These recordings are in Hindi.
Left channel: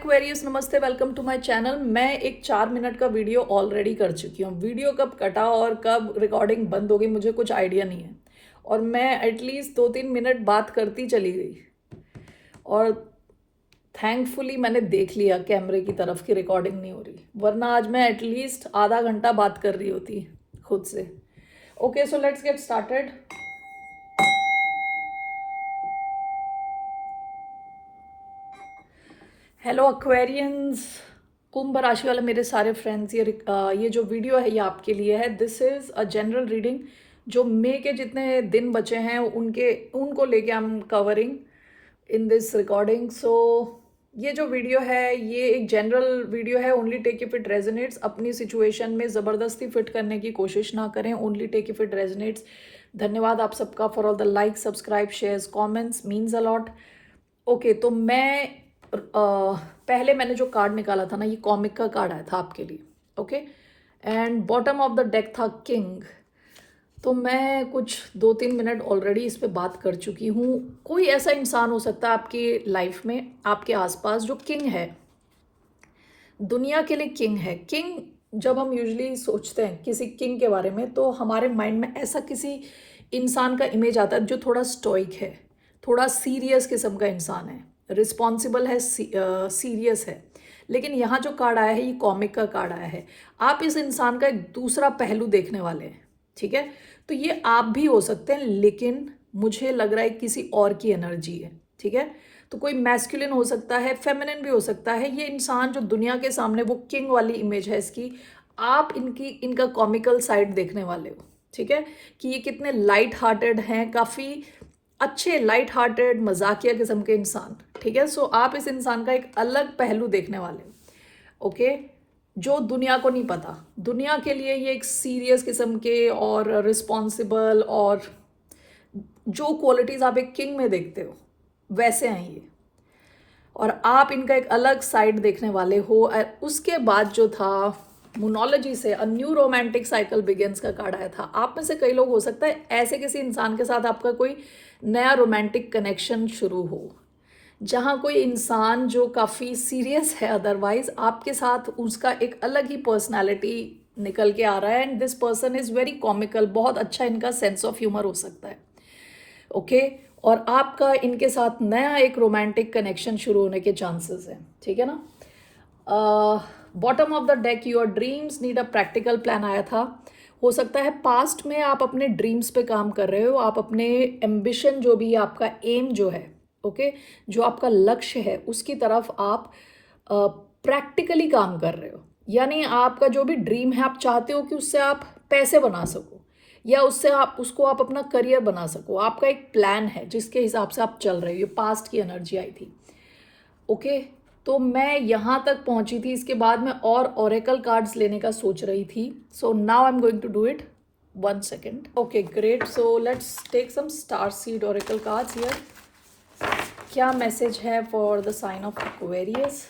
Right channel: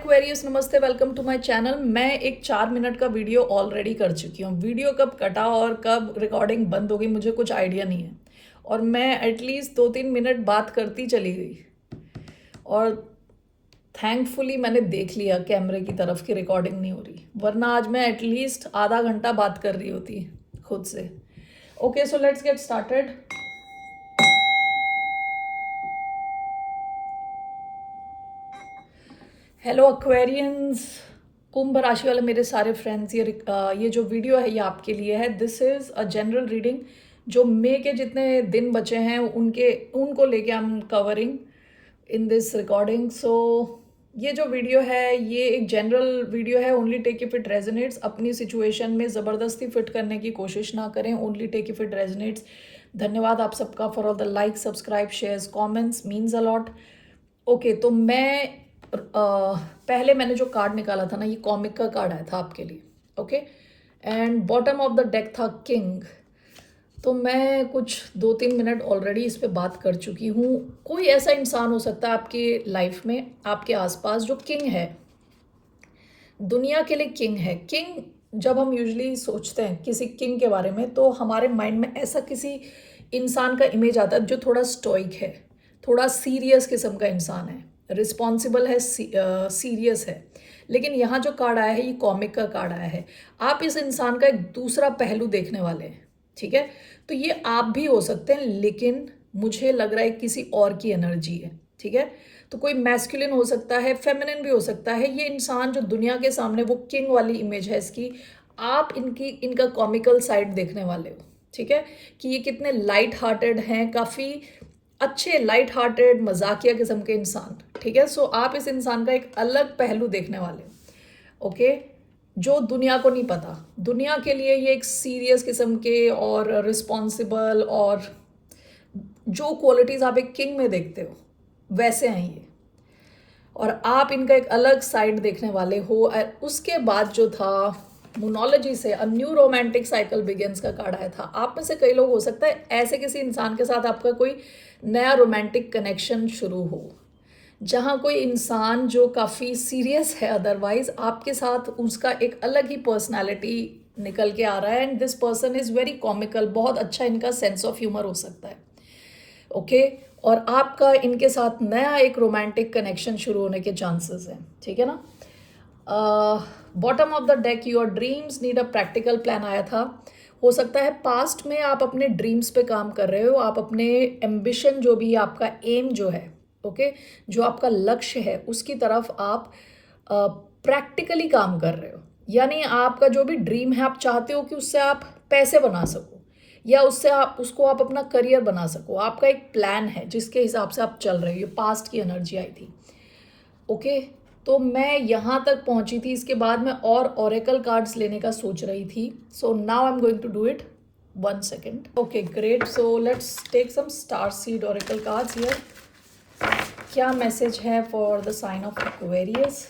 एक्वेरियस, नमस्ते, वेलकम टू माय चैनल। मैं एक 4 मिनट का वीडियो ऑलरेडी कर चुकी हूँ। वीडियो कब कटा और कब रिकॉर्डिंग बंद हो गई मुझे कुछ आइडिया नहीं है, और मैं एटलीस्ट 2-3 मिनट बात करती चली गई, और थैंकफुली मैंने देख लिया कैमरे की तरफ की रिकॉर्डिंग नहीं हो रही, वरना आज मैं एटलीस्ट आधा घंटा बात कर रही होती खुद से। Okay, so let's get started. Hello Aquarians, कुंभ राशि वाले मेरे सारे फ्रेंड्स, ये जो वीडियो है ये आपके लिए है। This is a general reading. जो मई के जितने दिन बचे हैं उनको लेके I am covering in this recording. So ये जो वीडियो है ये एक जनरल वीडियो है। Only take if it resonates. अपनी सिचुएशन में ज़बरदस्ती फिट करने की कोशिश ना करें। Only take if it resonates. धन्यवाद आप सबका for all the like, subscribe, shares, comments, means a lot. Okay, तो पहले मैंने जो कार्ड निकाला था ना, ये कॉमिक का कार्ड आया था आपके लिए। Okay, and bottom of the deck था किंग। तो मैं कुछ 2-3 मिनट ऑलरेडी इस पे बात कर चुकी हूँ। कोई ऐसा इंसान हो सकता है आपके लाइफ में, आपके आसपास, जो किंग है, दुनिया के लिए किंग है। किंग, जब हम यूजुअली सोचते हैं किसी किंग के बारे में तो हमारे माइंड में ऐसा किसी इंसान का इमेज आता है जो थोड़ा स्टोइक है, थोड़ा सीरियस किस्म का इंसान है, रिस्पॉन्सिबल है, सीरियस है। लेकिन यहाँ जो कार्ड आया है ये कॉमिक का कार्ड आया है। आप इस इंसान का एक दूसरा पहलू देखने वाले हैं, ठीक है। तो ये आप भी हो सकते हैं, लेकिन मुझे लग रहा है किसी और की एनर्जी है, ठीक है। तो कोई मैस्कुलिन हो सकता है, फेमिनिन भी हो सकता है। ये इंसान जो दुनिया के सामने वो किंग वाली इमेज है इसकी, आप इनका कॉमिकल साइड देखने वाले हो, ठीक है। कि ये कितने लाइट हार्टेड हैं, काफ़ी अच्छे लाइट हार्टेड मजाकिया किस्म के इंसान, ठीक है। सो आप इस इंसान का एक अलग पहलू देखने वाले हो, ओके, जो दुनिया को नहीं पता। दुनिया के लिए ये एक सीरियस किस्म के और रिस्पॉन्सिबल, और जो क्वालिटीज़ आप एक किंग में देखते हो वैसे हैं ये, और आप इनका एक अलग साइड देखने वाले हो। और उसके बाद जो था मोनोलॉजी से a new romantic cycle begins का कार्ड आया था। आप में से कई लोग हो सकता है ऐसे किसी इंसान के साथ आपका कोई नया रोमांटिक कनेक्शन शुरू हो, जहाँ कोई इंसान जो काफ़ी सीरियस है अदरवाइज, आपके साथ उसका एक अलग ही पर्सनालिटी निकल के आ रहा है। And this person is very comical, बहुत अच्छा इनका सेंस ऑफ ह्यूमर हो सकता है, ओके। और आपका इनके साथ नया एक रोमांटिक कनेक्शन शुरू होने के चांसेस हैं, ठीक है ना। Bottom of the deck, your dreams need a practical plan आया था। हो सकता है पास्ट में आप अपने ड्रीम्स पे काम कर रहे हो, आप अपने एम्बिशन जो भी आपका एम जो है, ओके, जो आपका लक्ष्य है उसकी तरफ आप प्रैक्टिकली काम कर रहे हो। यानी आपका जो भी ड्रीम है आप चाहते हो कि उससे आप पैसे बना सको, या उसको आप अपना करियर बना सको। आपका एक प्लान है जिसके हिसाब से आप चल रहे हो। ये पास्ट की एनर्जी आई थी, ओके। तो मैं यहाँ तक पहुँची थी, इसके बाद मैं और ओरेकल कार्ड्स लेने का सोच रही थी। So now I am going to do it. 1 second. Okay, great. So let's take some star seed oracle cards here. क्या मैसेज है for the sign of Aquarius?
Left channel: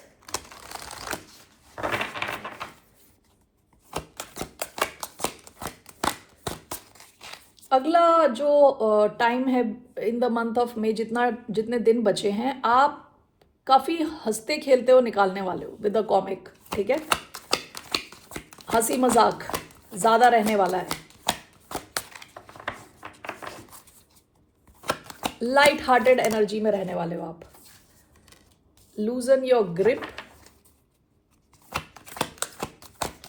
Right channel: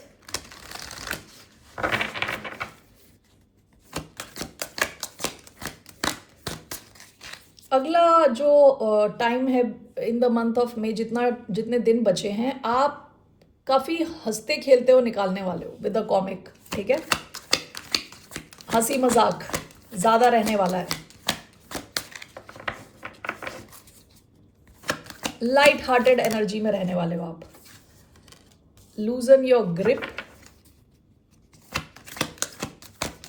अगला जो टाइम है in the month of May, जितने दिन बचे हैं, आप काफ़ी हंसते खेलते हो निकालने वाले हो विद द कॉमिक, ठीक है। हंसी मजाक ज़्यादा रहने वाला है। लाइट हार्टेड एनर्जी में रहने वाले हो आप। लूजन your grip.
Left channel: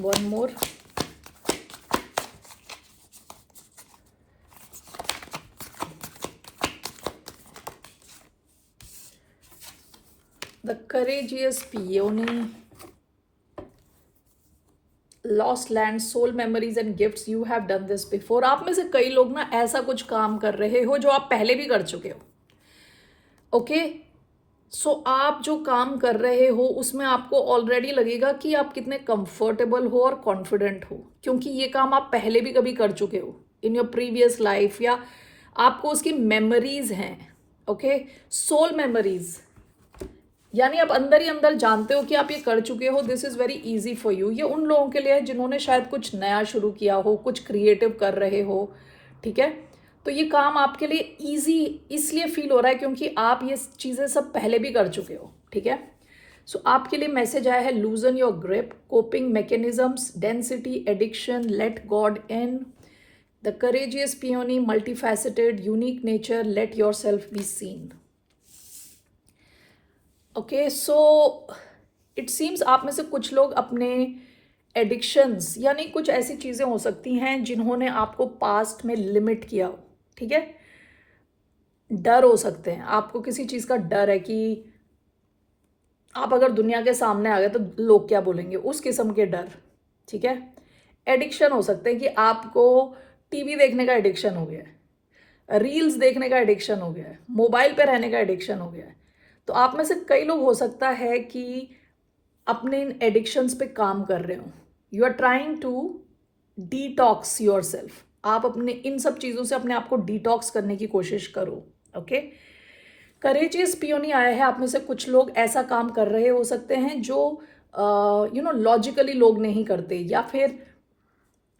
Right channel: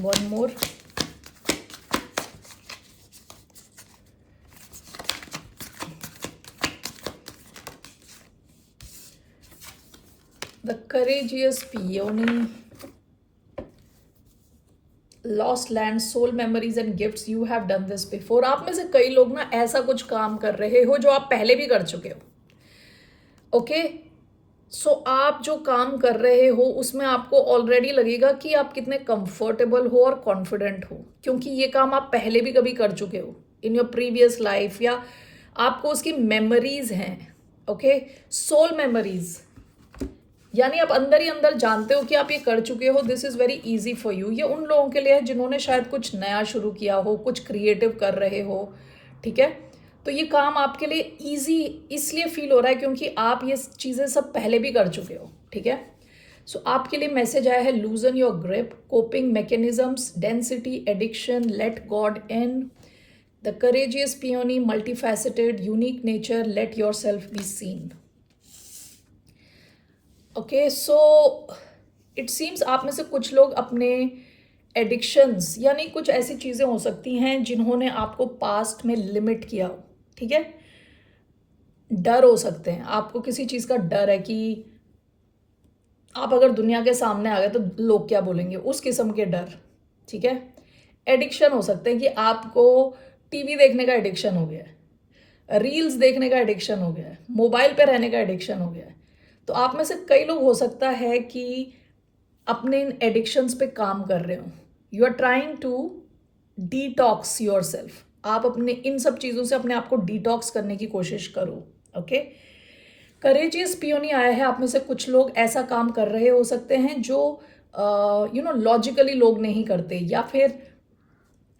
One more. The courageous peony, lost land, soul memories and gifts. You have done this before. आप में से कई लोग ना ऐसा कुछ काम कर रहे हो जो आप पहले भी कर चुके हो, ओके। सो आप जो काम कर रहे हो उसमें आपको ऑलरेडी लगेगा कि आप कितने कंफर्टेबल हो और कॉन्फिडेंट हो, क्योंकि ये काम आप पहले भी कभी कर चुके हो इन योर प्रीवियस लाइफ, या आपको उसकी मेमोरीज हैं, ओके। सोल मेमोरीज, यानी आप अंदर ही अंदर जानते हो कि आप ये कर चुके हो। This is very easy for you. ये उन लोगों के लिए है जिन्होंने शायद कुछ नया शुरू किया हो, कुछ क्रिएटिव कर रहे हो, ठीक है। तो ये काम आपके लिए इजी इसलिए फील हो रहा है क्योंकि आप ये चीज़ें सब पहले भी कर चुके हो, ठीक है। सो आपके लिए मैसेज आया है, loosen your grip, coping mechanisms, density, addiction, let God in, the courageous peony, multifaceted, unique nature, let yourself be seen. Okay, so it seems आप में से कुछ लोग अपने एडिक्शंस यानी कुछ ऐसी चीज़ें हो सकती हैं जिन्होंने आपको पास्ट में लिमिट किया, ठीक है. डर हो सकते हैं, आपको किसी चीज़ का डर है कि आप अगर दुनिया के सामने आ गए तो लोग क्या बोलेंगे, उस किस्म के डर, ठीक है. एडिक्शन हो सकते हैं कि आपको टीवी देखने का एडिक्शन हो गया है, रील्स देखने का एडिक्शन हो गया है, मोबाइल पे रहने का एडिक्शन हो गया है. तो आप में से कई लोग हो सकता है कि अपने इन एडिक्शंस पे काम कर रहे हो. You are trying to detox yourself. आप अपने इन सब चीज़ों से अपने आप को डिटॉक्स करने की कोशिश करो. ओके, करेजियस पियोनी आया है. आप में से कुछ लोग ऐसा काम कर रहे हो सकते हैं जो लॉजिकली लोग नहीं करते, या फिर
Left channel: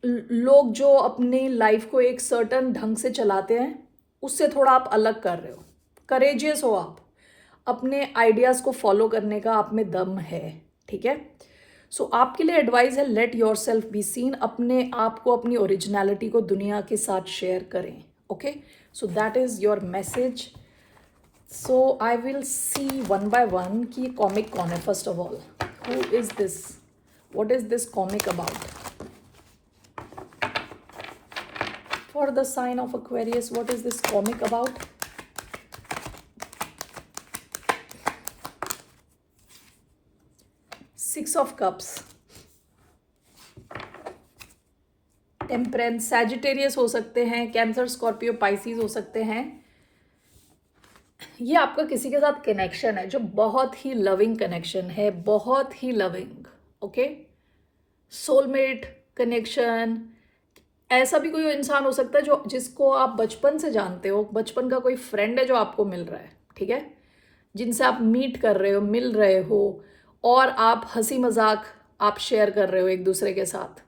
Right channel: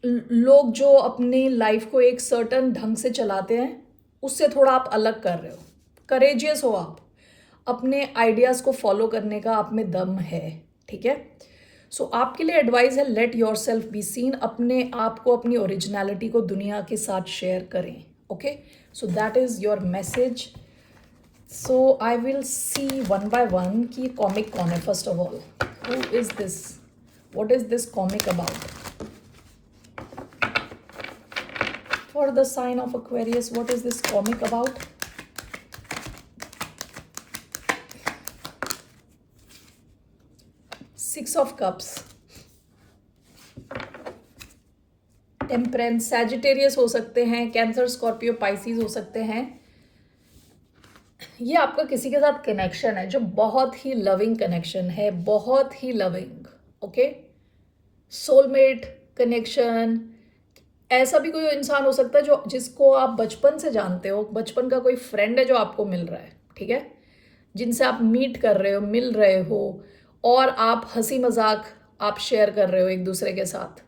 लोग जो अपनी लाइफ को एक सर्टन ढंग से चलाते हैं उससे थोड़ा आप अलग कर रहे हो. करेजियस हो आप, अपने आइडियाज़ को फॉलो करने का आप में दम है, ठीक है. सो आपके लिए एडवाइस है, late yourself be scene. अपने आप को, अपनी ओरिजिनलिटी को दुनिया के साथ शेयर करें. Okay, so that is your message. So I will see one by one कि कॉमिक कौन है. First of all, who is this, what is this comic about. For the sign of Aquarius, what is this comic about? Six of Cups, temperance, Sagittarius हो सकते हैं, कैंसर, स्कॉर्पियो, पाइसिस हो सकते हैं. ये आपका किसी के साथ कनेक्शन है जो बहुत ही लविंग कनेक्शन है, बहुत ही लविंग. Okay, soulmate connection. ऐसा भी कोई इंसान हो सकता है जो जिसको आप बचपन से जानते हो, बचपन का कोई फ्रेंड है जो आपको मिल रहा है, ठीक है, जिनसे आप मीट कर रहे हो, मिल रहे हो, और आप हंसी मजाक आप शेयर कर रहे हो एक दूसरे के साथ.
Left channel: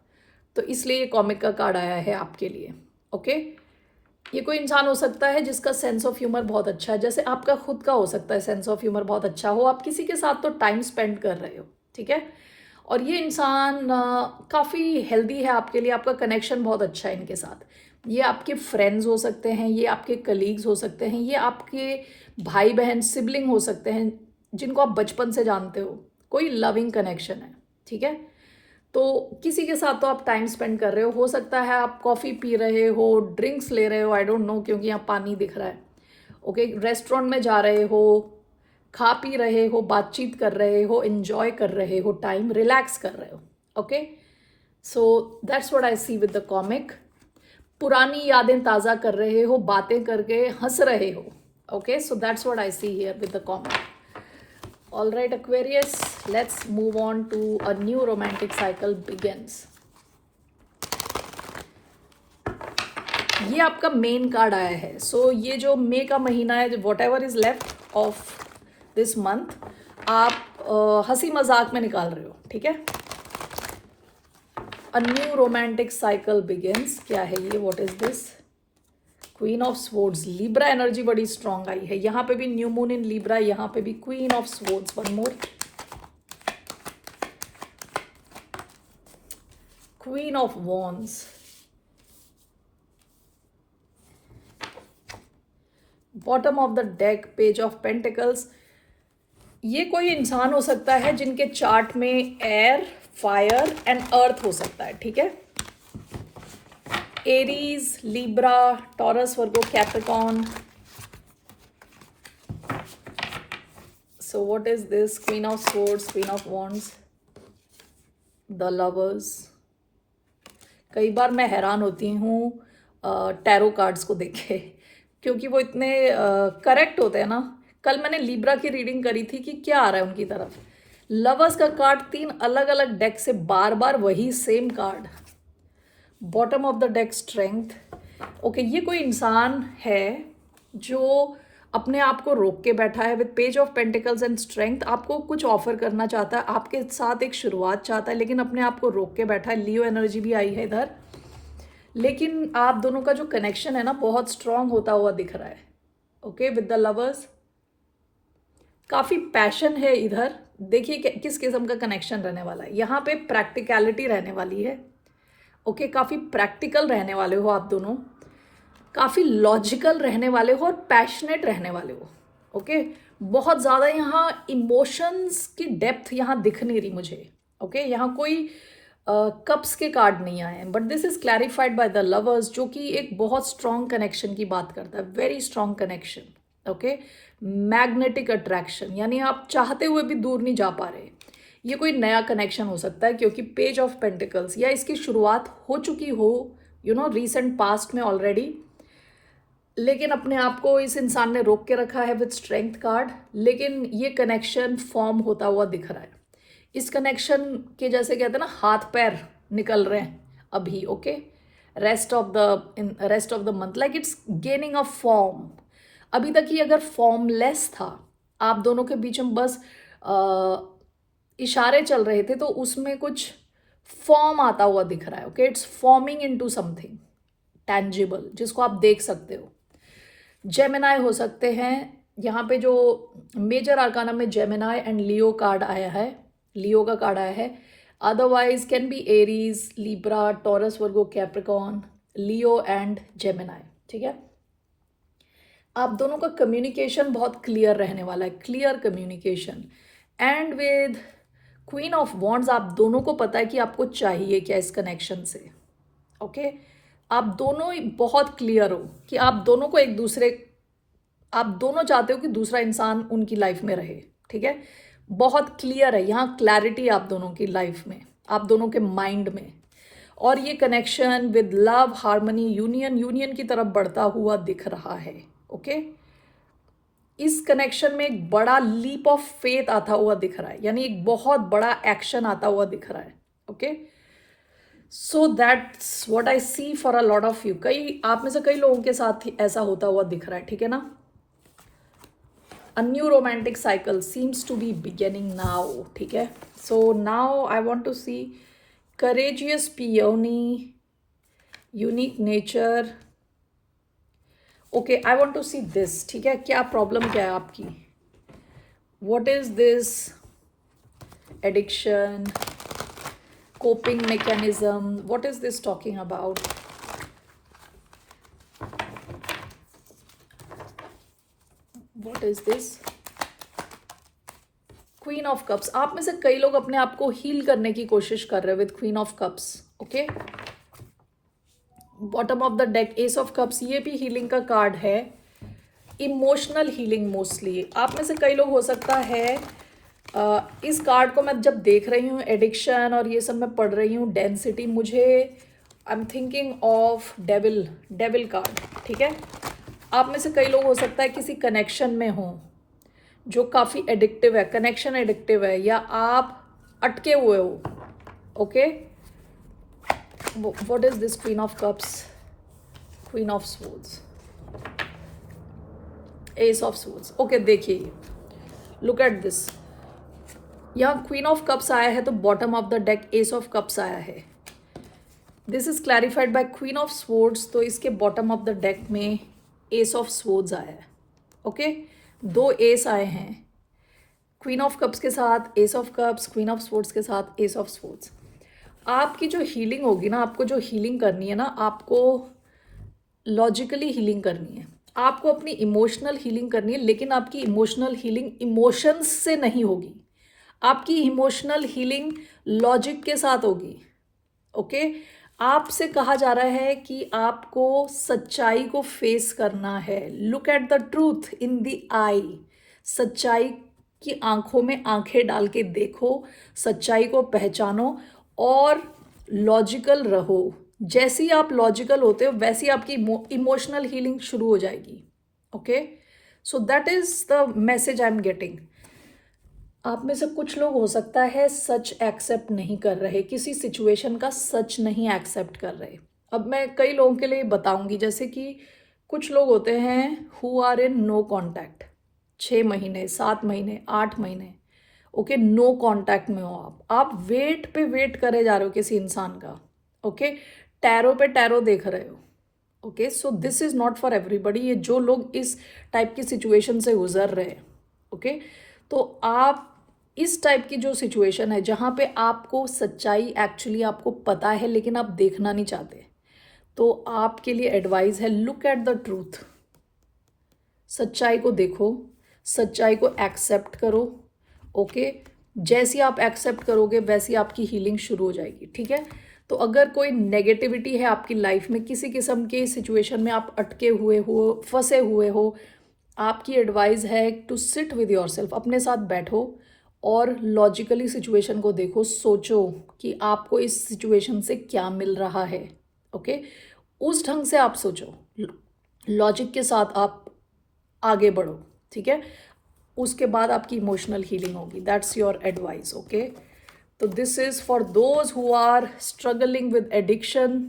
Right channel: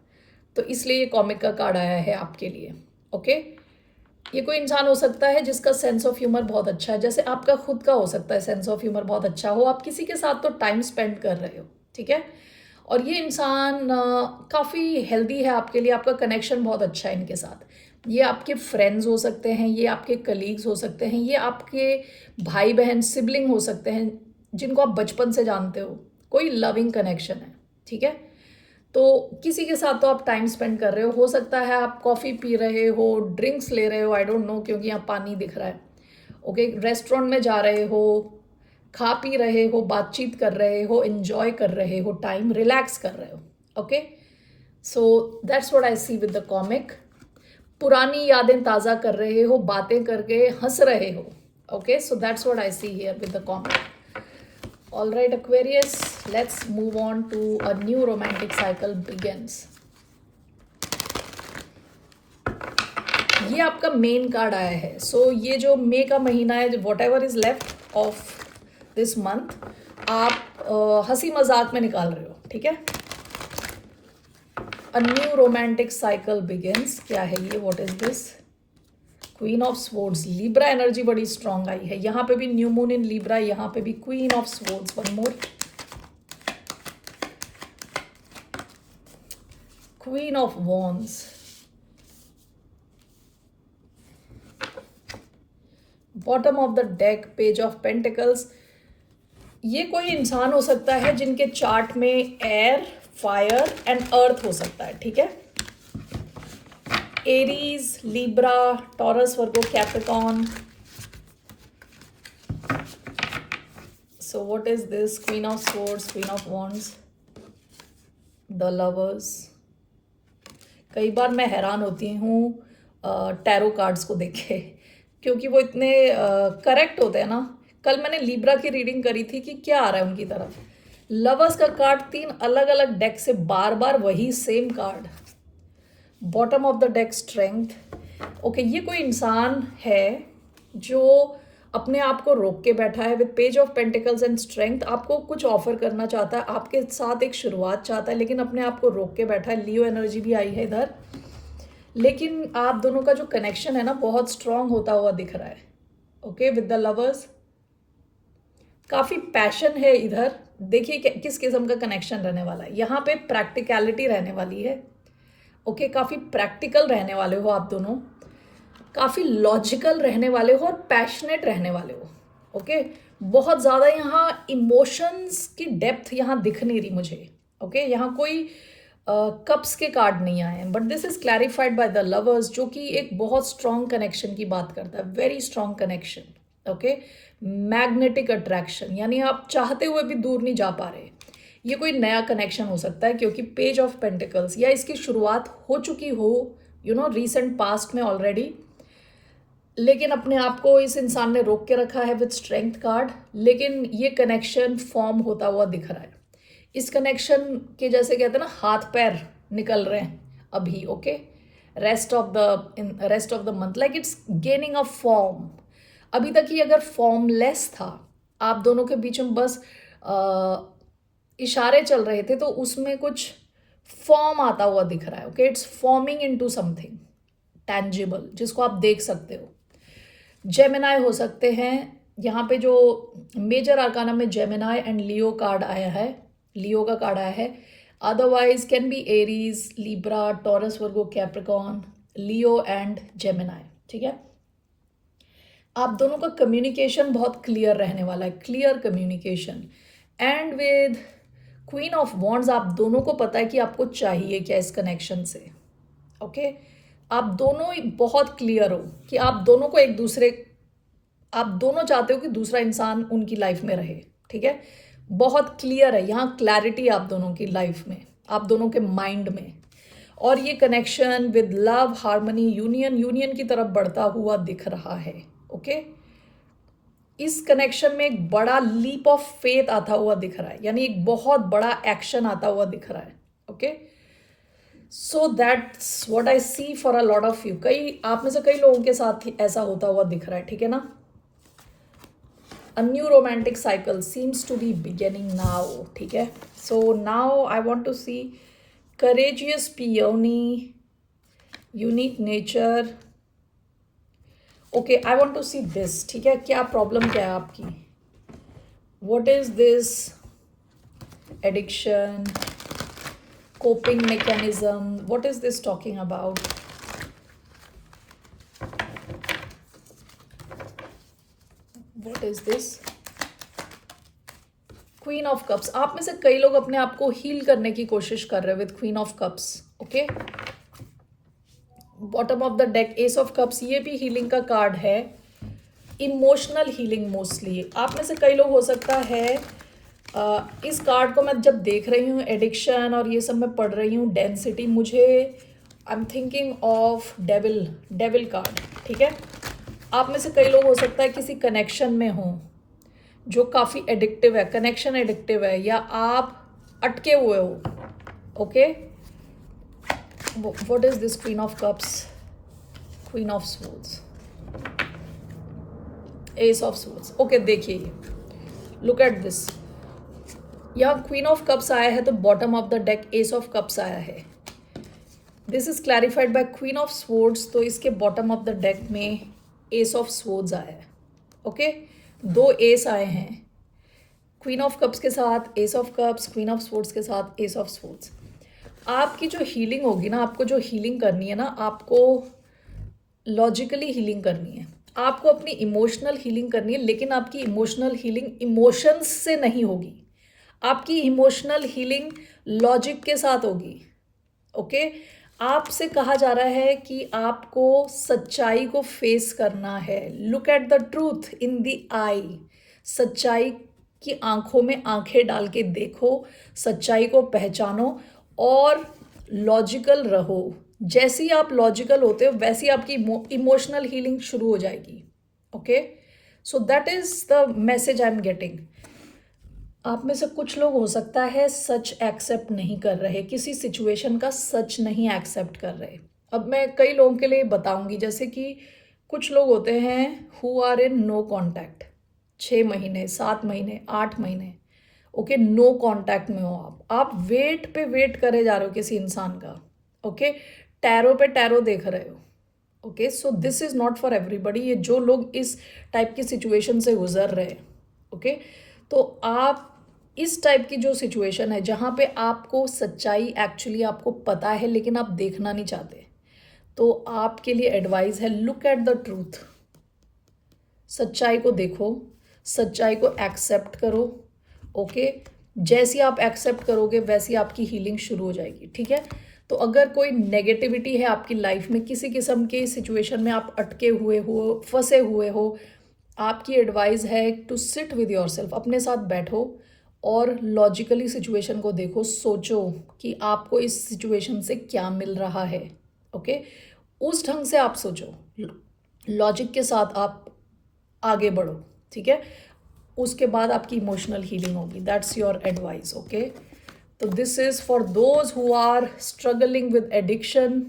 तो इसलिए ये कॉमिक का कार्ड आया है आपके लिए. ओके, ये कोई इंसान हो सकता है जिसका सेंस ऑफ ह्यूमर बहुत अच्छा है, जैसे आपका खुद का हो सकता है सेंस ऑफ ह्यूमर बहुत अच्छा हो. आप किसी के साथ तो टाइम स्पेंड कर रहे हो, ठीक है, और ये इंसान काफ़ी हेल्दी है आपके लिए, आपका कनेक्शन बहुत अच्छा है इनके साथ. ये आपके फ्रेंड्स हो सकते हैं, ये आपके कलीग्स हो सकते हैं, ये आपके भाई बहन सिबलिंग हो सकते हैं जिनको आप बचपन से जानते हो. कोई लविंग कनेक्शन है, ठीक है. तो किसी के साथ तो आप टाइम स्पेंड कर रहे हो सकता है आप कॉफ़ी पी रहे हो, ड्रिंक्स ले रहे हो, आई डोंट नो, क्योंकि यहाँ पानी दिख रहा है. ओके, रेस्टोरेंट में जा रहे हो, खा पी रहे हो, बातचीत कर रहे हो, एंजॉय कर रहे हो, टाइम रिलैक्स कर रहे हो. Okay, so that's what I see with the comic. पुरानी यादें ताज़ा कर रहे हो, बातें करके हंस रहे हो. Okay, so that's what I see here with the comic. All right, Aquarius, let's move on to a new romantic cycle begins. ये आपका मेन कार्ड आया है. सो ये जो मई का महीना है, what ever is left of this month, आप हंसी मजाक में निकाल रहे हो, ठीक है. A new romantic cycle begins. क्या है ये, what is this, queen of swords. Libra energy बड़ी स्ट्रांग आई है. यहाँ पे भी न्यू मून इन लिब्रा, यहाँ पे भी queen of swords. One more, queen of wands, bottom of the deck, page of pentacles. ये कोई इंसान हो सकता है जिनके चार्ट में एयर, फायर एंड अर्थ हो सकता है, ठीक है. Aries, Libra, taurus, Virgo, Capricorn. So what is this, queen of swords, queen of wands, the lovers. कई बार मैं हैरान होती हूँ टैरो कार्ड्स को देख के, क्योंकि वो इतने करेक्ट होते हैं ना. कल मैंने लिब्रा की रीडिंग करी थी कि क्या आ रहा है उनकी तरफ. लवर्स का कार्ड 3 अलग अलग डेक से बार बार वही same card. Bottom of the deck, strength. Okay, ये कोई इंसान है जो अपने आप को रोक के बैठा है. With page of pentacles and strength, आपको कुछ ऑफर करना चाहता है, आपके साथ एक शुरुआत चाहता है, लेकिन अपने आप को रोक के बैठा है. लियो एनर्जी भी आई है इधर, लेकिन आप दोनों का जो कनेक्शन है ना बहुत स्ट्रांग होता हुआ दिख रहा है. ओके, विद द लवर्स काफ़ी पैशन है इधर देखिए किस किस्म का कनेक्शन रहने वाला है। यहाँ पे प्रैक्टिकलिटी रहने वाली है। ओके, काफ़ी प्रैक्टिकल रहने वाले हो आप दोनों, काफ़ी लॉजिकल रहने वाले हो और पैशनेट रहने वाले हो। ओके, बहुत ज़्यादा यहाँ इमोशंस की डेप्थ यहाँ दिख नहीं रही मुझे। ओके, यहाँ कोई कप्स के कार्ड नहीं आए, but this is clarified by the lovers, जो कि एक बहुत स्ट्रॉन्ग कनेक्शन की बात करता है, very strong connection. Okay, magnetic attraction, यानी आप चाहते हुए भी दूर नहीं जा पा रहे। ये कोई नया कनेक्शन हो सकता है, क्योंकि पेज ऑफ पेंटिकल्स, या इसकी शुरुआत हो चुकी हो रीसेंट पास्ट में ऑलरेडी, लेकिन अपने आप को इस इंसान ने रोक के रखा है विद स्ट्रेंथ कार्ड, लेकिन ये कनेक्शन फॉर्म होता हुआ दिख रहा है। इस कनेक्शन के जैसे कहते हैं ना, हाथ पैर निकल रहे हैं अभी। Okay, rest of the month like it's gaining a form. अभी तक ये अगर फॉर्मलेस था, आप दोनों के बीच में बस इशारे चल रहे थे, तो उसमें कुछ फॉर्म आता हुआ दिख रहा है। Okay, it's forming into something tangible, जिसको आप देख सकते हो। जेमिनाई हो सकते हैं, यहाँ पे जो मेजर आर्काना में जेमिनाई एंड लियो कार्ड आया है, लियो का कार्ड आया है। Otherwise can be Aries, Libra, taurus, Virgo, Capricorn, Leo and Gemini. ठीक है, आप दोनों का कम्युनिकेशन बहुत क्लियर रहने वाला है, clear communication. And with queen of wands, आप दोनों को पता है कि आपको चाहिए क्या इस कनेक्शन से। ओके, आप दोनों बहुत क्लियर हो कि आप दोनों को आप दोनों चाहते हो कि दूसरा इंसान उनकी लाइफ में रहे। ठीक है, बहुत क्लियर है यहाँ, क्लैरिटी आप दोनों की लाइफ में, आप दोनों के माइंड में। और ये connection with love, harmony, union की तरफ बढ़ता हुआ दिख रहा है। ओके, इस कनेक्शन में एक बड़ा लीप ऑफ फेथ आता हुआ दिख रहा है, यानी एक बहुत बड़ा एक्शन आता हुआ दिख रहा है। Okay, so that's what I see for a lot of you. कई आप में से कई लोगों के साथ ऐसा होता हुआ दिख रहा है। ठीक है ना, a new romantic cycle seems to be beginning now. ठीक है, so now I want to see courageous peony, unique nature. Okay, I want to see this. ठीक है, क्या प्रॉब्लम क्या है आपकी? What is this addiction, coping mechanism? What is this talking about? What is this? Queen of cups, आप में से कई लोग अपने आप को हील करने की कोशिश कर रहे हैं with queen of cups. Okay, bottom of the deck ace of cups, ये भी हीलिंग का कार्ड है, इमोशनल हीलिंग मोस्टली। आप में से कई लोग हो सकता है इस कार्ड को मैं जब देख रही हूँ, एडिक्शन और ये सब मैं पढ़ रही हूँ, डेंसिटी, मुझे I am thinking of devil card. ठीक है, आप में से कई लोग हो सकता है किसी कनेक्शन में हो जो काफ़ी एडिक्टिव है, कनेक्शन एडिक्टिव है, या आप अटके हुए हो। Okay, what is this queen of cups, queen of swords, ace of swords. Okay, देखिए, लुक एट दिस, यहाँ क्वीन ऑफ कप्स आया है, तो bottom of the deck ace of cups आया है। This is clarified by queen of swords, तो इसके बॉटम ऑफ द डेक में एस ऑफ स्वॉर्ड्स आया है। ओके, दो एस आए हैं, क्वीन ऑफ कप्स के साथ S of cups, queen of swords के साथ एस ऑफ स्वॉर्ड्स। आपकी जो हीलिंग होगी ना, आपको जो हीलिंग करनी है ना, आपको लॉजिकली हीलिंग करनी है, आपको अपनी इमोशनल हीलिंग करनी है, लेकिन आपकी इमोशनल हीलिंग इमोशंस से नहीं होगी, आपकी इमोशनल हीलिंग लॉजिक के साथ होगी। ओके, आपसे कहा जा रहा है कि आपको सच्चाई को फेस करना है। Look at the truth in the eye, सच्चाई की आंखों में आंखें डाल के देखो, सच्चाई को पहचानो और लॉजिकल रहो। जैसे ही आप लॉजिकल होते हो, वैसे ही आपकी इमोशनल हीलिंग शुरू हो जाएगी। Okay, so that is the message I am getting. आप में से कुछ लोग हो सकता है सच एक्सेप्ट नहीं कर रहे, किसी सिचुएशन का सच नहीं एक्सेप्ट कर रहे। अब मैं कई लोगों के लिए बताऊंगी, जैसे कि कुछ लोग होते हैं who are in no contact, 6 महीने, 7 महीने, 8 महीने। ओके, नो कॉन्टैक्ट में हो आप वेट पे वेट करे जा रहे हो किसी इंसान का। ओके, टैरो पे टैरो देख रहे हो। Okay, so this is not for everybody. ये जो लोग इस टाइप की सिचुएशन से गुजर रहे हैं, ओके, तो आप इस टाइप की जो सिचुएशन है जहाँ पे आपको सच्चाई एक्चुअली आपको पता है लेकिन आप देखना नहीं चाहते, तो आपके लिए एडवाइस है, लुक एट द ट्रूथ। सच्चाई को देखो, सच्चाई को एक्सेप्ट करो। ओके, जैसी आप एक्सेप्ट करोगे वैसी आपकी हीलिंग शुरू हो जाएगी। ठीक है, तो अगर कोई नेगेटिविटी है आपकी लाइफ में, किसी किस्म की सिचुएशन में आप अटके हुए हो, फंसे हुए हो, आपकी एडवाइस है टू सिट विद योरसेल्फ, अपने साथ बैठो और लॉजिकली सिचुएशन को देखो, सोचो कि आपको इस सिचुएशन से क्या मिल रहा है। ओके, उस ढंग से आप सोचो, लॉजिक के साथ आप आगे बढ़ो। ठीक है, उसके बाद आपकी इमोशनल हीलिंग होगी। That's your advice. ओके, तो this is for those who are struggling with addiction.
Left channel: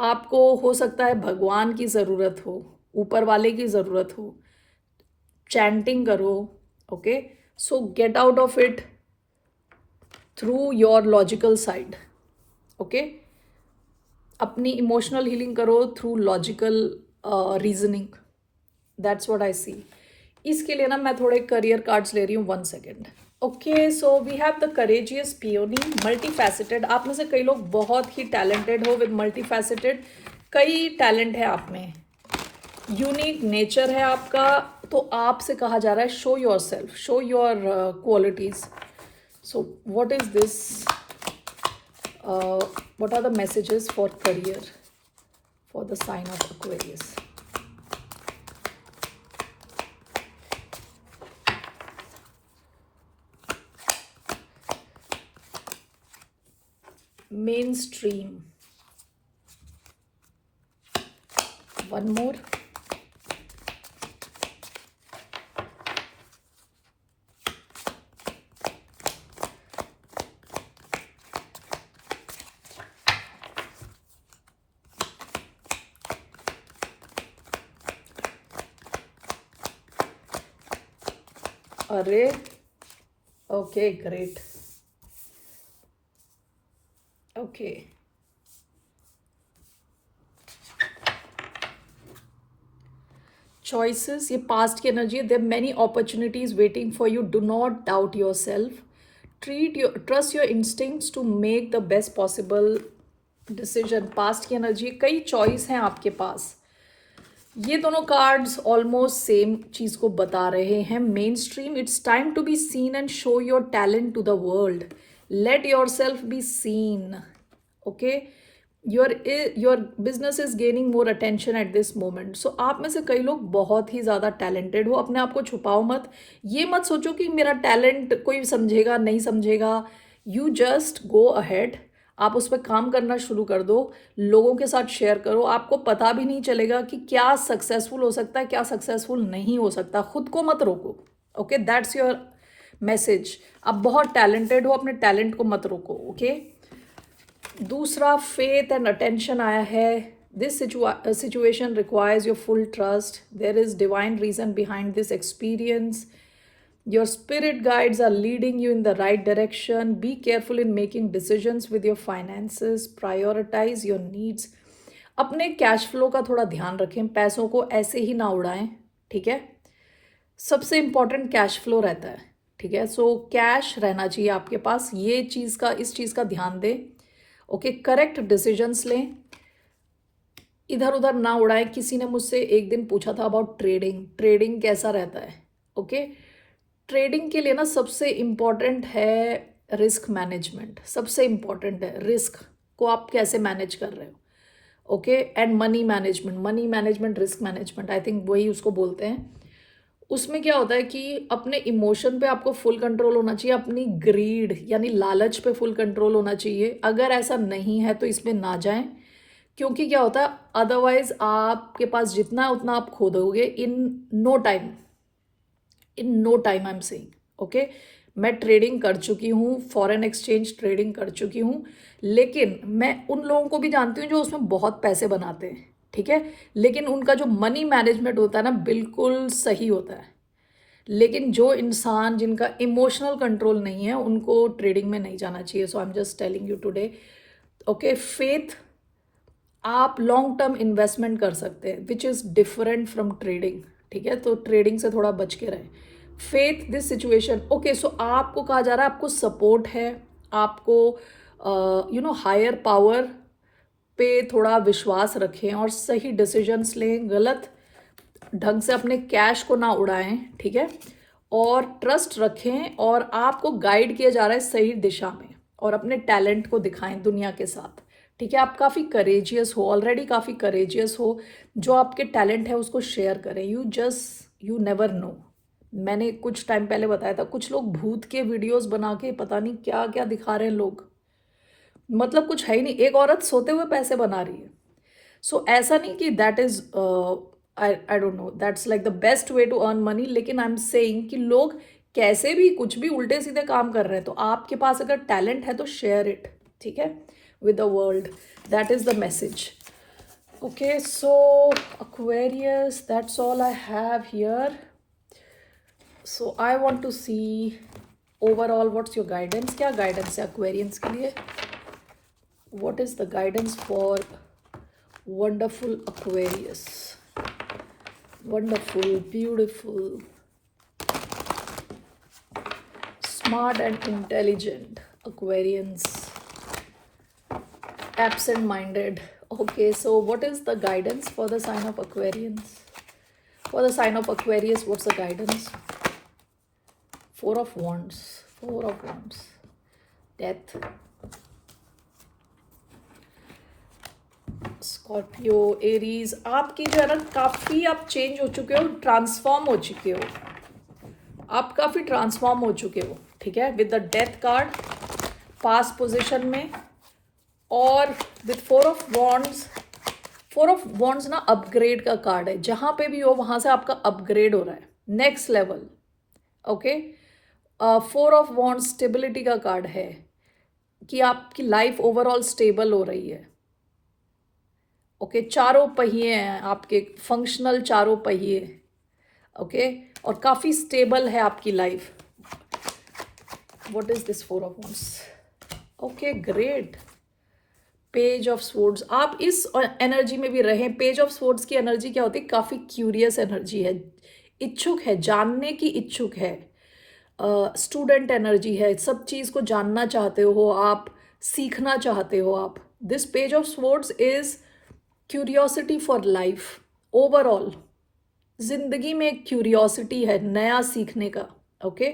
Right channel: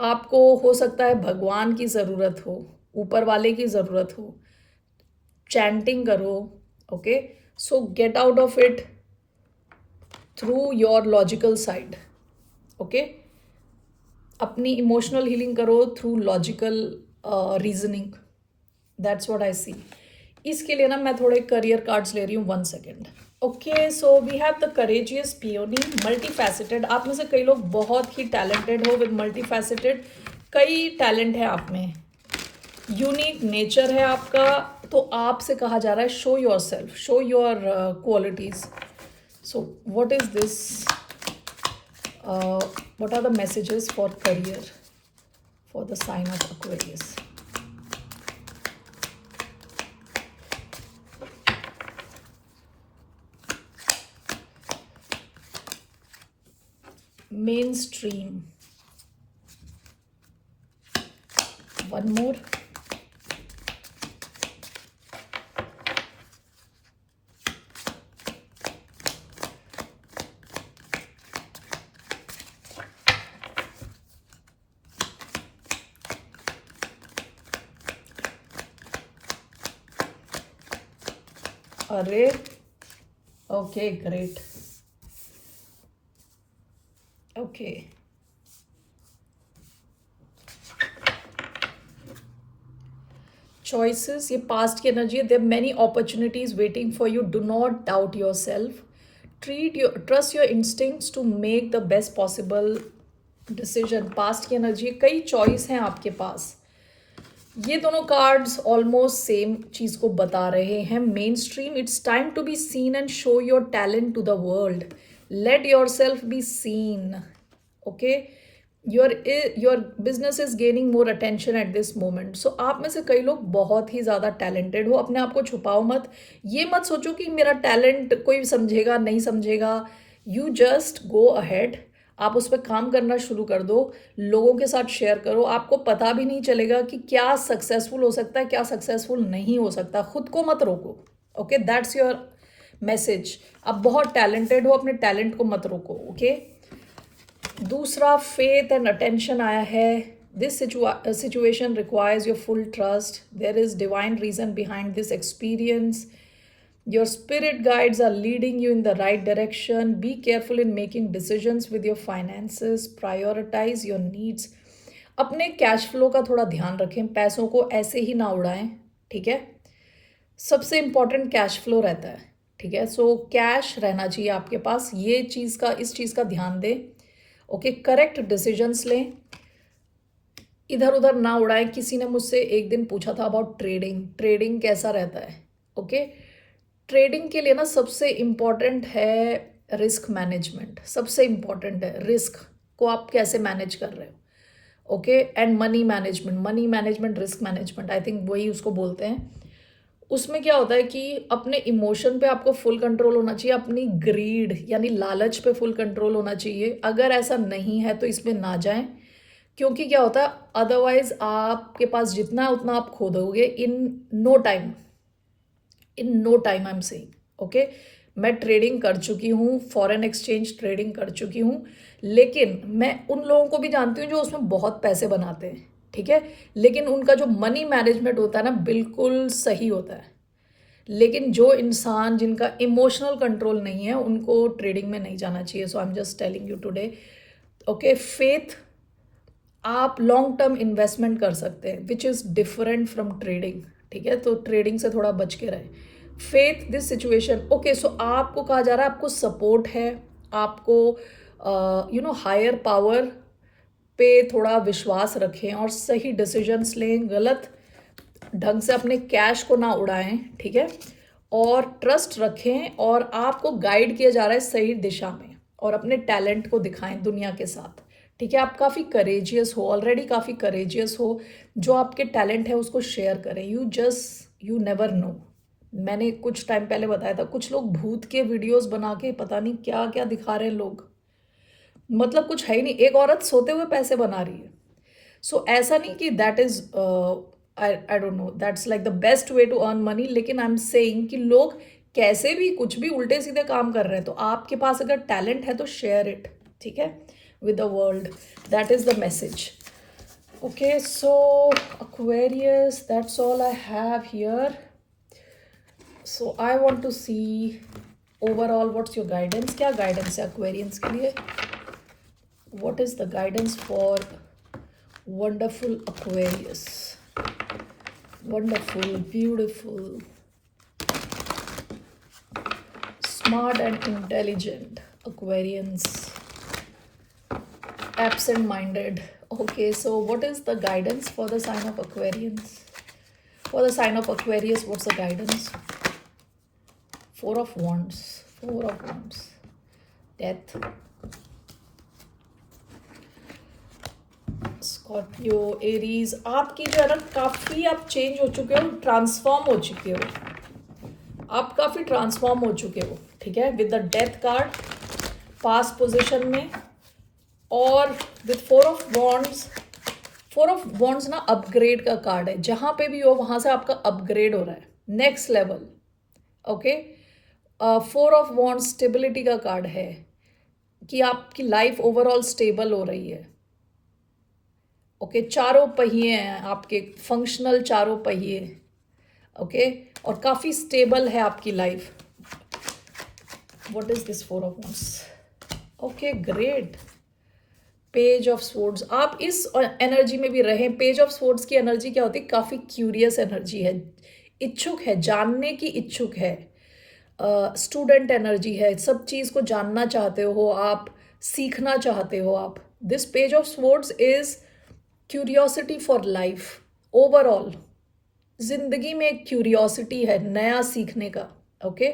आपको हो सकता है भगवान की ज़रूरत हो, ऊपर वाले की ज़रूरत हो, चैंटिंग करो। Okay, so get out of it through your logical side. Okay, अपनी इमोशनल हीलिंग करो through logical reasoning. That's what I see. इसके लिए ना मैं थोड़े करियर कार्ड्स ले रही हूँ, 1 second. Okay, so we have the courageous peony, multifaceted. आप में से कई लोग बहुत ही टैलेंटेड हो विद मल्टी फैसेटेड, कई टैलेंट है आप में, यूनिक नेचर है आपका। तो आपसे कहा जा रहा है show yourself, show your qualities. So what is this, what are the messages for career for the sign of Aquarius? Mainstream. One more. अरे, okay, great. Okay. Choices, ये पास्ट की एनर्जी है। There many opportunities waiting for you, do not doubt yourself, trust your instincts to make the best possible decision. Past की एनर्जी, कई चॉइस हैं आपके पास। ये दोनों कार्ड्स ऑलमोस्ट सेम चीज को बता रहे हैं। Mainstream, it's time to be seen and show your talent to the world, let yourself be seen. Okay, your business is gaining more attention at this moment. So आप में से कई लोग बहुत ही ज़्यादा टैलेंटेड हो, अपने आप को छुपाओ मत। ये मत सोचो कि मेरा टैलेंट कोई समझेगा नहीं समझेगा, यू जस्ट गो अहेड। आप उस पर काम करना शुरू कर दो, लोगों के साथ शेयर करो। आपको पता भी नहीं चलेगा कि क्या सक्सेसफुल हो सकता है, क्या सक्सेसफुल नहीं हो सकता। खुद को मत रोको। Okay, that's your message. आप बहुत टैलेंटेड हो, अपने टैलेंट को मत रोको। ओके, दूसरा फेथ एंड अटेंशन आया है। This situation requires your full trust, there is divine reason behind this experience, your spirit guides are leading you in the right direction. Be careful in making decisions with your finances, prioritize your needs. अपने कैश फ्लो का थोड़ा ध्यान रखें, पैसों को ऐसे ही ना उड़ाएं। ठीक है, सबसे इंपॉर्टेंट कैश फ्लो रहता है। ठीक है, सो कैश रहना चाहिए आपके पास, ये चीज़ का, इस चीज़ का ध्यान दें। ओके, करेक्ट डिसीजंस लें, इधर उधर ना उड़ाएं। किसी ने मुझसे एक दिन पूछा था अबाउट ट्रेडिंग, ट्रेडिंग कैसा रहता है। ओके, ट्रेडिंग के लिए ना सबसे इम्पॉर्टेंट है रिस्क मैनेजमेंट, सबसे इम्पॉर्टेंट है रिस्क को आप कैसे मैनेज कर रहे हो। Okay, and money management, money management, risk management, I think वही उसको बोलते हैं। उसमें क्या होता है कि अपने इमोशन पे आपको फुल कंट्रोल होना चाहिए, अपनी ग्रीड यानी लालच पे फुल कंट्रोल होना चाहिए। अगर ऐसा नहीं है तो इसमें ना जाएं, क्योंकि क्या होता है अदरवाइज आपके पास जितना उतना आप खो दोगे in no time, in no time. I am saying okay, मैं ट्रेडिंग कर चुकी हूँ, फॉरेन एक्सचेंज ट्रेडिंग कर चुकी हूँ, लेकिन मैं उन लोगों को भी जानती हूँ जो उसमें बहुत पैसे बनाते हैं। ठीक है, लेकिन उनका जो मनी मैनेजमेंट होता है ना बिल्कुल सही होता है। लेकिन जो इंसान जिनका इमोशनल कंट्रोल नहीं है उनको ट्रेडिंग में नहीं जाना चाहिए। So I am just telling you today. Okay, faith, आप लॉन्ग टर्म इन्वेस्टमेंट कर सकते हैं which is different from trading. ठीक है, तो ट्रेडिंग से थोड़ा बच के रहें। Faith this situation. Okay, so आपको कहा जा रहा है आपको सपोर्ट है, आपको हायर पावर पे थोड़ा विश्वास रखें और सही डिसीजंस लें, गलत ढंग से अपने कैश को ना उड़ाएं, ठीक है, और ट्रस्ट रखें और आपको गाइड किया जा रहा है सही दिशा में, और अपने टैलेंट को दिखाएं दुनिया के साथ, ठीक है। आप काफ़ी करेजियस हो, ऑलरेडी काफ़ी करेजियस हो, जो आपके टैलेंट है उसको शेयर करें। You never know. मैंने कुछ टाइम पहले बताया था, कुछ लोग भूत के वीडियोस बना के पता नहीं क्या क्या दिखा रहे हैं लोग, मतलब कुछ है ही नहीं। एक औरत सोते हुए पैसे बना रही है। सो ऐसा नहीं कि that is I don't know that's like the best way to earn money, लेकिन आई एम सेइंग कि लोग कैसे भी कुछ भी उल्टे सीधे काम कर रहे हैं, तो आपके पास अगर टैलेंट है तो शेयर इट, ठीक है, with the world. That is the message. Okay, so Aquarius, that's all I have here. So I want to see overall what's your guidance. क्या guidance है Aquarians के लिए? What is the guidance for wonderful Aquarius? Wonderful, beautiful, smart and intelligent Aquarians. Absent-minded. Okay, so what is the guidance for the sign of Aquarians? For the sign of Aquarius, what's the guidance? Four of Wands. Four of Wands. Death. Scorpio, Aries, आपकी जो है ना काफ़ी आप चेंज हो चुके हो, ट्रांसफॉर्म हो चुके हो, आप काफ़ी ट्रांसफॉर्म हो चुके हो, ठीक है, with the death card pass position में, और with four of wands. Four of wands ना अपग्रेड का कार्ड है, जहां पे भी हो वहां से आपका अपग्रेड हो रहा है, next level. Okay, four of wands stability का कार्ड है, कि आपकी लाइफ ओवरऑल स्टेबल हो रही है। ओके, चारों पहिए हैं आपके, फंक्शनल चारों पहिए, ओके, और काफ़ी स्टेबल है आपकी life. What is this four of wands? Okay, great. Page of swords, आप इस एनर्जी में भी रहें। पेज ऑफ स्वॉर्ड्स की एनर्जी क्या होती है? काफ़ी क्यूरियस एनर्जी है, इच्छुक है, जानने की इच्छुक है, स्टूडेंट एनर्जी है, सब चीज़ को जानना चाहते हो आप, सीखना चाहते हो आप। This page of swords is curiosity for life overall. जिंदगी में एक क्यूरियोसिटी है नया सीखने का। ओके,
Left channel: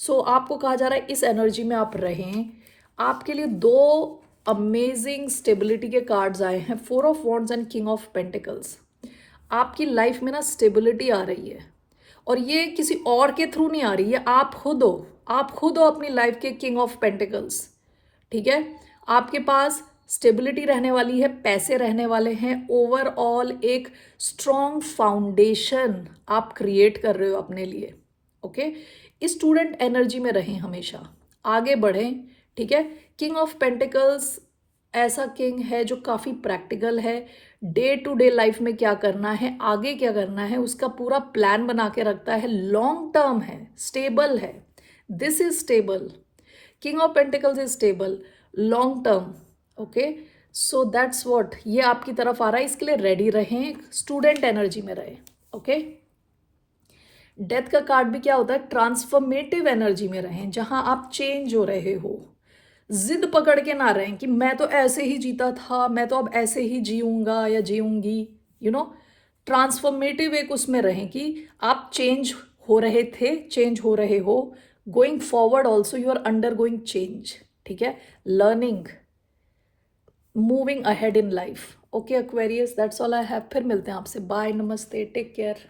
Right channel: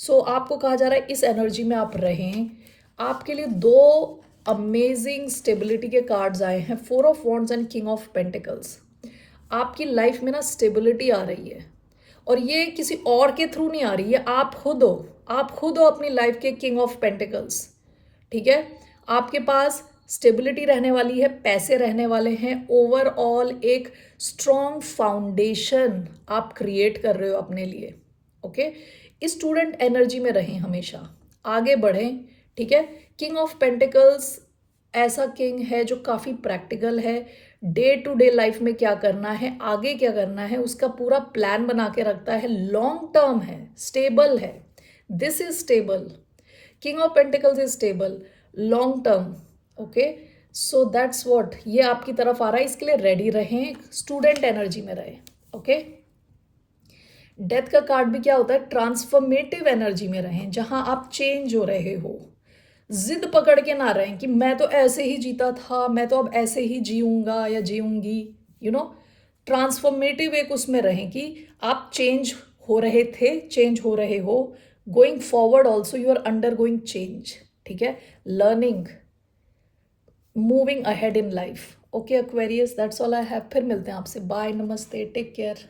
सो आपको कहा जा रहा है इस एनर्जी में आप रहें। आपके लिए दो अमेजिंग स्टेबिलिटी के कार्ड्स आए हैं, four of wands and king of pentacles. आपकी लाइफ में ना स्टेबिलिटी आ रही है, और ये किसी और के थ्रू नहीं आ रही है, आप खुद हो, आप खुद हो अपनी लाइफ के किंग ऑफ पेंटिकल्स, ठीक है। आपके पास स्टेबिलिटी रहने वाली है, पैसे रहने वाले हैं, ओवरऑल एक स्ट्रॉन्ग फाउंडेशन आप क्रिएट कर रहे हो अपने लिए। ओके, स्टूडेंट एनर्जी में रहें, हमेशा आगे बढ़ें, ठीक है। किंग ऑफ पेंटिकल्स ऐसा किंग है जो काफ़ी प्रैक्टिकल है, डे टू डे लाइफ में क्या करना है, आगे क्या करना है, उसका पूरा प्लान बना के रखता है, लॉन्ग टर्म है, स्टेबल है। This is stable, king of pentacles is stable, long term. Okay, so that's what, ये आपकी तरफ आ रहा है, इसके लिए रेडी रहें, स्टूडेंट एनर्जी में रहें। ओके, डेथ का कार्ड भी क्या होता है? ट्रांसफॉर्मेटिव एनर्जी में रहें, जहां आप चेंज हो रहे हो। जिद पकड़ के ना रहें कि मैं तो ऐसे ही जीता था, मैं तो अब ऐसे ही जीऊंगा या जीऊंगी, ट्रांसफॉर्मेटिव एक उसमें रहें कि आप चेंज हो रहे थे, चेंज हो रहे हो, going forward also you are undergoing change, ठीक है, learning, moving ahead in life. Okay Aquarius, that's all I have. फिर मिलते हैं आपसे, बाय, नमस्ते, टेक केयर।